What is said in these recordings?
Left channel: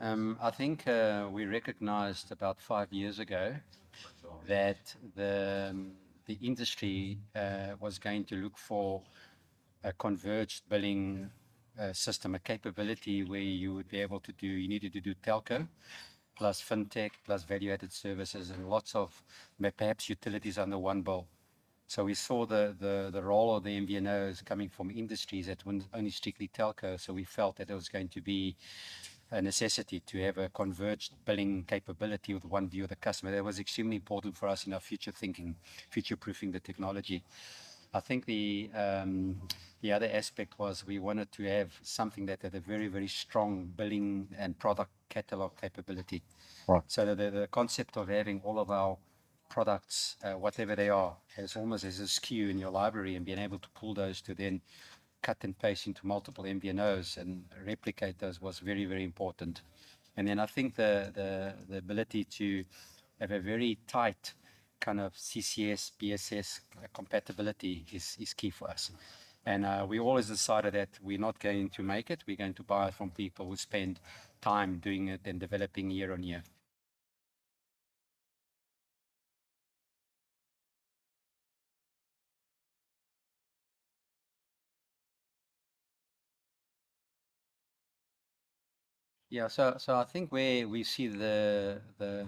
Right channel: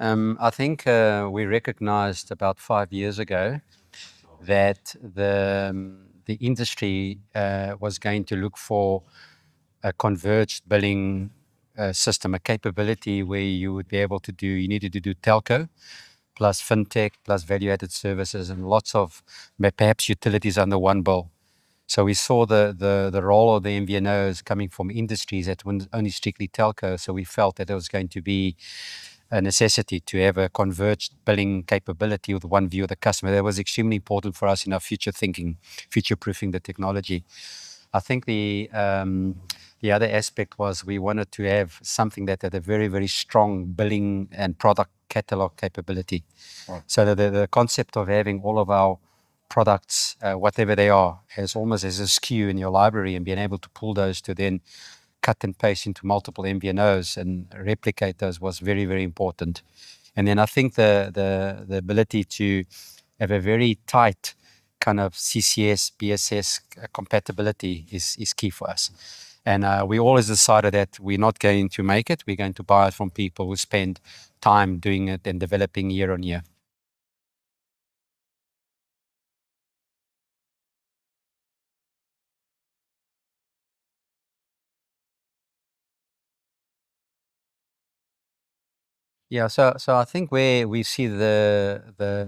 I think we recognized about 5 years ago that the industry was going to look for a converged billing system, a capability where you would be able to do, you needed to do telco plus fintech plus value-added services and lots of perhaps utilities under one bill. So we saw the role of the MVNOs coming from industries that weren't only strictly telco. So we felt that it was going to be a necessity to have a converged billing capability with one view of the customer. That was extremely important for us in our future thinking, future-proofing the technology. I think the other aspect was we wanted to have something that had a very, very strong billing and product catalog capability. Right. So that the concept of having all of our products, whatever they are, as almost as a SKU in your library and being able to pull those to then cut and paste into multiple MVNOs and replicate those was very, very important. And then I think the ability to have a very tight kind of CCS, BSS compatibility is key for us. And we always decided that we're not going to make it. We're going to buy it from people who spend time doing it and developing year on year. Yeah, so I think where we see the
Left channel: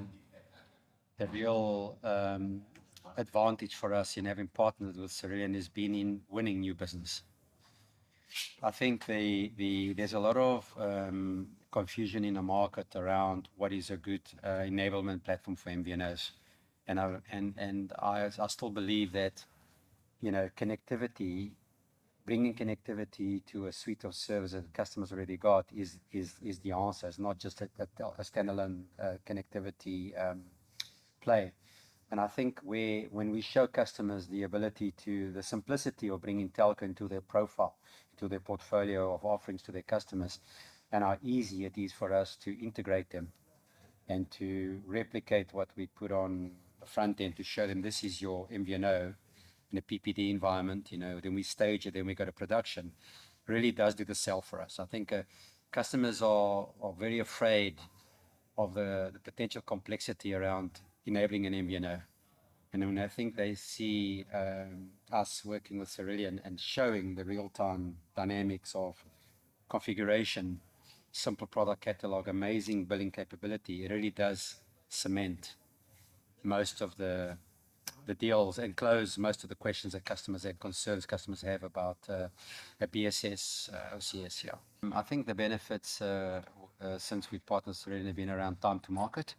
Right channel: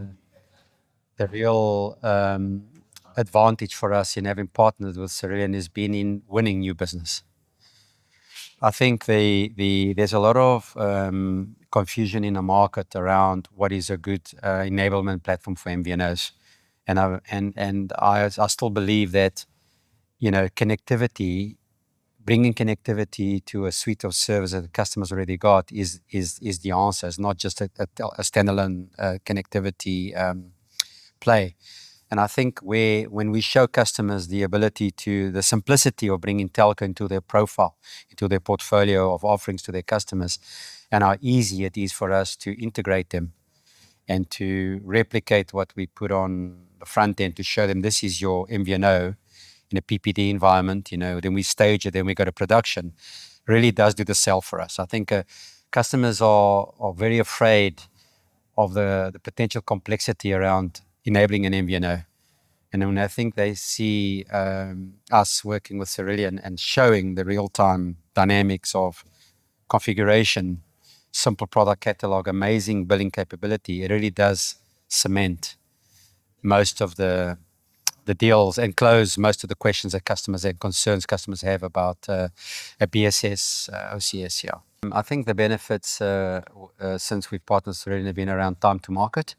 real advantage for us in having partnered with Cerillion has been in winning new business. I think there's a lot of confusion in the market around what is a good enablement platform for MVNOs, and I still believe that connectivity, bringing connectivity to a suite of services that the customers already got is the answer. It's not just a standalone connectivity play. And I think when we show customers the ability the simplicity of bringing telco into their profile, into their portfolio of offerings to their customers, and how easy it is for us to integrate them and to replicate what we put on the front end to show them this is your MVNO in a PPD environment, then we stage it, then we go to production, really does do the sell for us. I think customers are very afraid of the potential complexity around enabling an MVNO. And when I think they see us working with Cerillion and showing the real-time dynamics of configuration, simple product catalog, amazing billing capability, it really does cement most of the deals and close most of the questions that customers and concerns customers have about a BSS, OCS. Yeah, I think the benefits since we've partnered with Cerillion have been around time to market.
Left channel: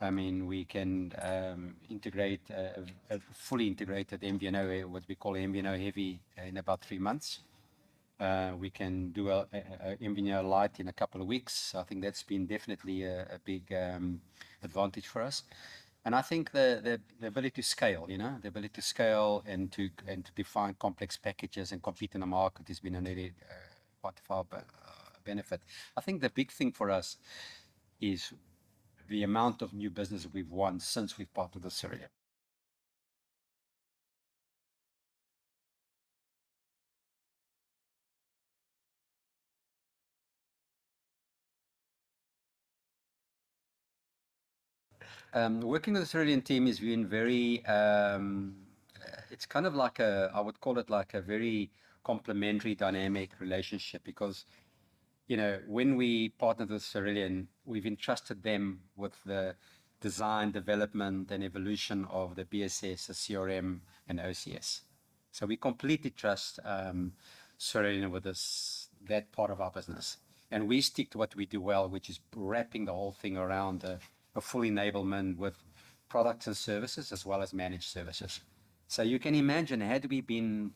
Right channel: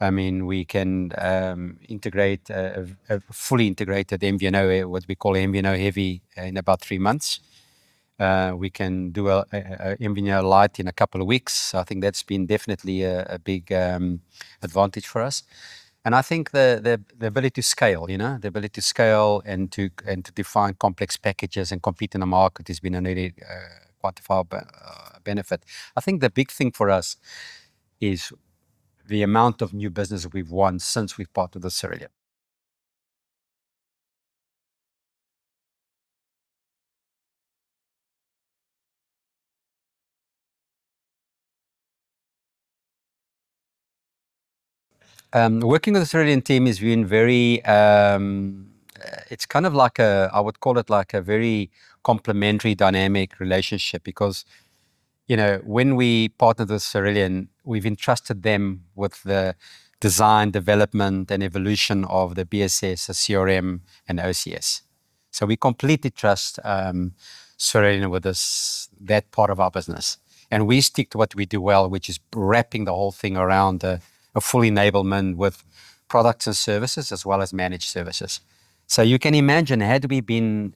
I mean, we can integrate a fully integrated MVNO, what we call MVNO heavy, in about 3 months. We can do a MVNO light in a couple of weeks. I think that's been definitely a big advantage for us. And I think the ability to scale, the ability to scale and to define complex packages and compete in the market has been a really quantifiable benefit. I think the big thing for us is the amount of new business we've won since we've partnered with Cerillion. Working with the Cerillion team has been very, it's kind of like I would call it like a very complementary dynamic relationship because, when we partnered with Cerillion, we've entrusted them with the design, development, and evolution of the BSS, the CRM, and OCS. So we completely trust Cerillion with that part of our business. And we stick to what we do well, which is wrapping the whole thing around a full enablement with products and services as well as managed services. So you can imagine, had we been,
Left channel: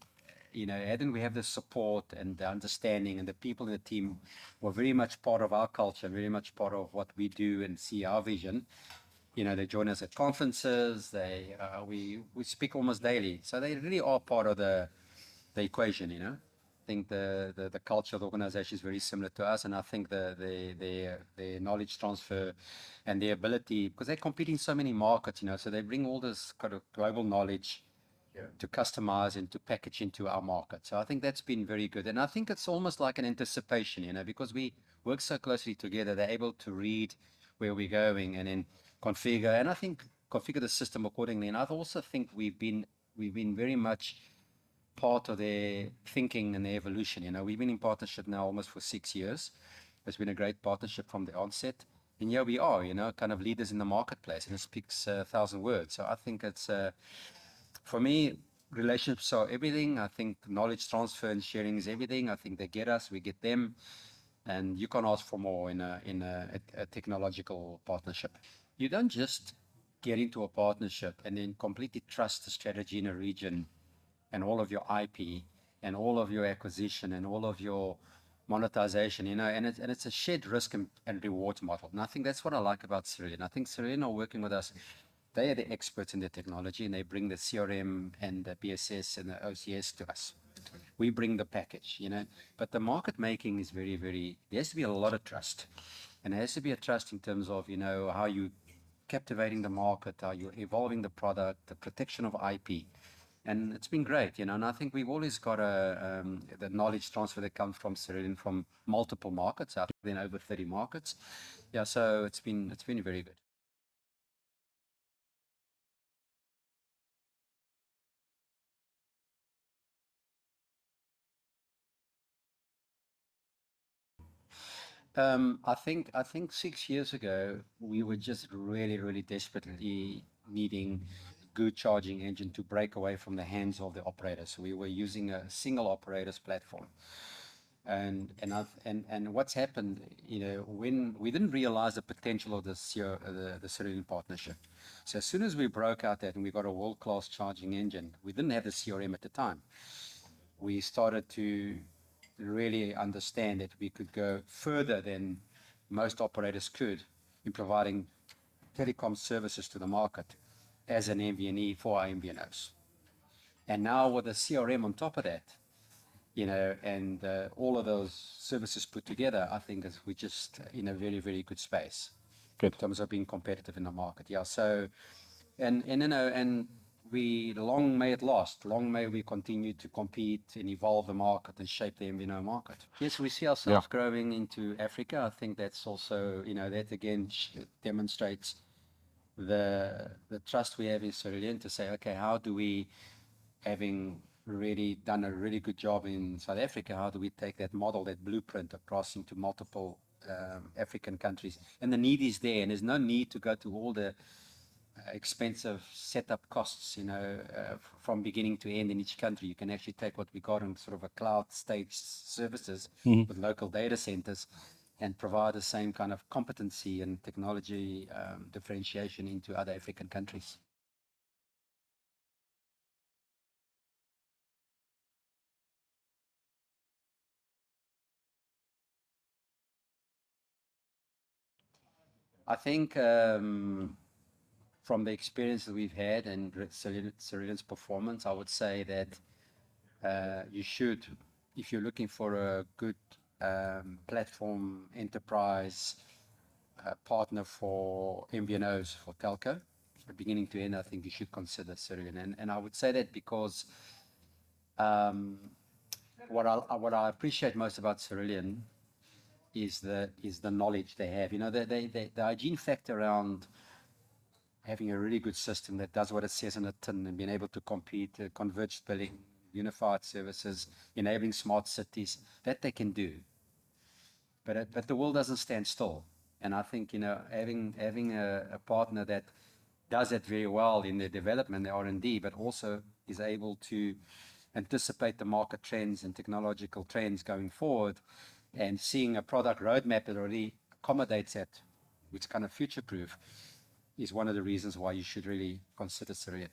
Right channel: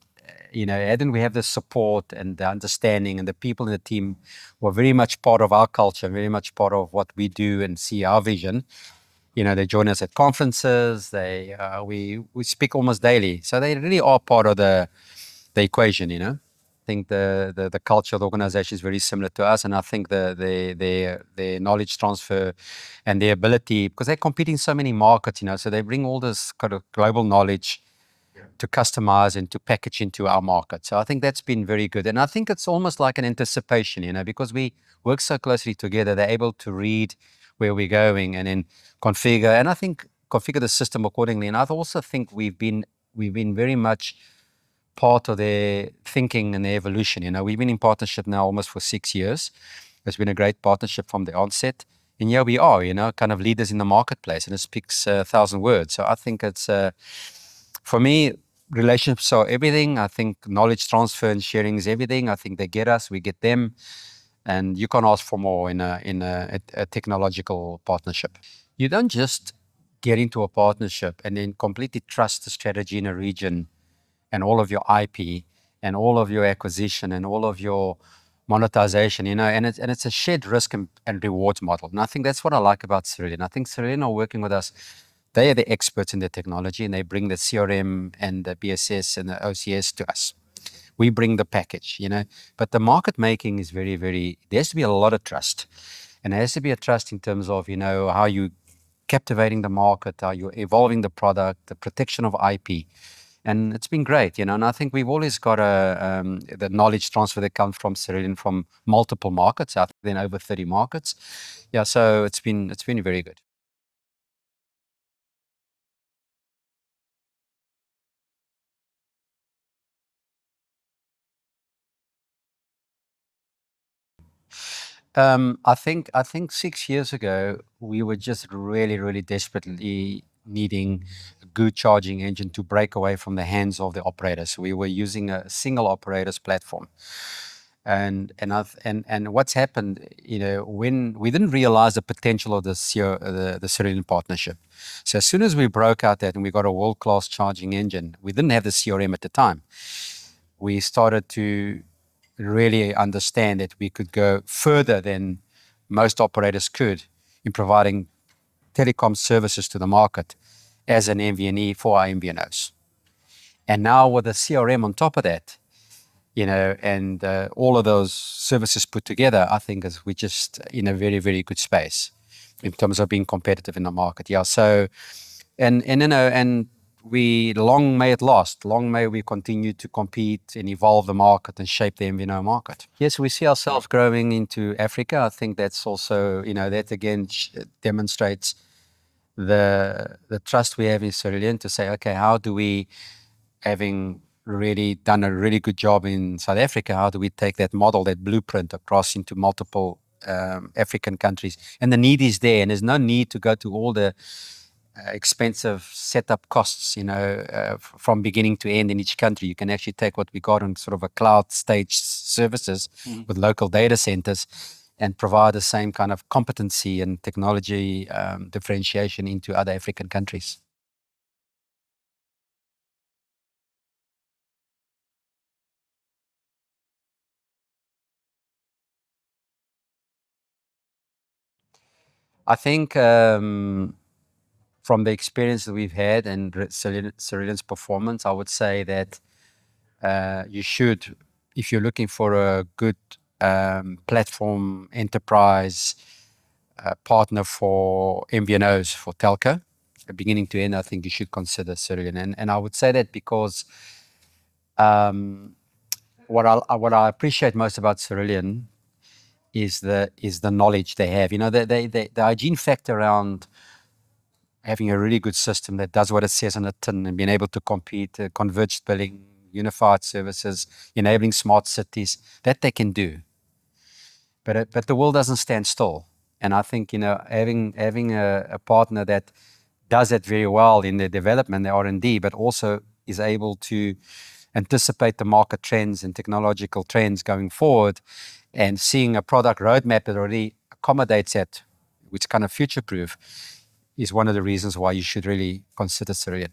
hadn't we have the support and the understanding and the people in the team were very much part of our culture, very much part of what we do and see our vision. They join us at conferences. We speak almost daily. So they really are part of the equation, I think the culture of the organization is very similar to us, and I think the knowledge transfer and the ability, because they compete in so many markets, so they bring all this kind of global knowledge to customize and to package into our market. So I think that's been very good. And I think it's almost like an anticipation, because we work so closely together, they're able to read where we're going and then configure. And I think configure the system accordingly. And I also think we've been very much part of their thinking and their evolution. We've been in partnership now almost for 6 years. It's been a great partnership from the onset. And here we are, kind of leaders in the marketplace, and it speaks 1,000 words. So I think it's, for me, relationships are everything. I think knowledge transfer and sharing is everything. I think they get us, we get them, and you can't ask for more in a technological partnership. You don't just get into a partnership and then completely trust the strategy in a region and all of your IP and all of your acquisition and all of your monetization, and it's a shared risk and rewards model. And I think that's what I like about Cerillion. I think Cerillion are working with us. They are the experts in the technology, and they bring the CRM and the BSS and the OCS to us. We bring the package, but the market making is very, very, there has to be a lot of trust. And there has to be a trust in terms of, how you captivating the market, how you're evolving the product, the protection of IP. And it's been great, and I think we've always got the knowledge transfer that comes from Cerillion from multiple markets, I think in over 30 markets. Yeah, so it's been very good. I think 6 years ago, we were just really, really desperately needing a good charging engine to break away from the hands of the operators. We were using a single operator's platform. And what's happened, when we didn't realize the potential of the Cerillion partnership. So as soon as we broke out that and we got a world-class charging engine, we didn't have the CRM at the time. We started to really understand that we could go further than most operators could in providing telecom services to the market as an MVNE for our MVNOs. And now with the CRM on top of that, and all of those services put together, I think we're just in a very, very good space in terms of being competitive in the market. Yeah. So, and we long may it last. Long may we continue to compete and evolve the market and shape the MVNO market. Yes, we see ourselves growing into Africa. I think that's also, that again demonstrates the trust we have in Cerillion to say, okay, how do we, having really done a really good job in South Africa, how do we take that model, that blueprint across into multiple African countries? And the need is there, and there's no need to go to all the expensive setup costs, from beginning to end in each country. You can actually take what we got on sort of a cloud stage services with local data centers and provide the same kind of competency and technology differentiation into other African countries. I think from the experience that we've had and Cerillion's performance, I would say that you should, if you're looking for a good platform enterprise partner for MVNOs, for telco, beginning to end, I think you should consider Cerillion. And I would say that because what I appreciate most about Cerillion is the knowledge they have. The hygiene factor around having a really good system that does what it says on the tin and being able to compete, converged billing, unified services, enabling smart cities, that they can do. But the world doesn't stand still. And I think, having a partner that does it very well in the development, the R&D, but also is able to anticipate the market trends and technological trends going forward, and seeing a product roadmap that already accommodates that, which kind of future-proof, is one of the reasons why you should really consider Cerillion.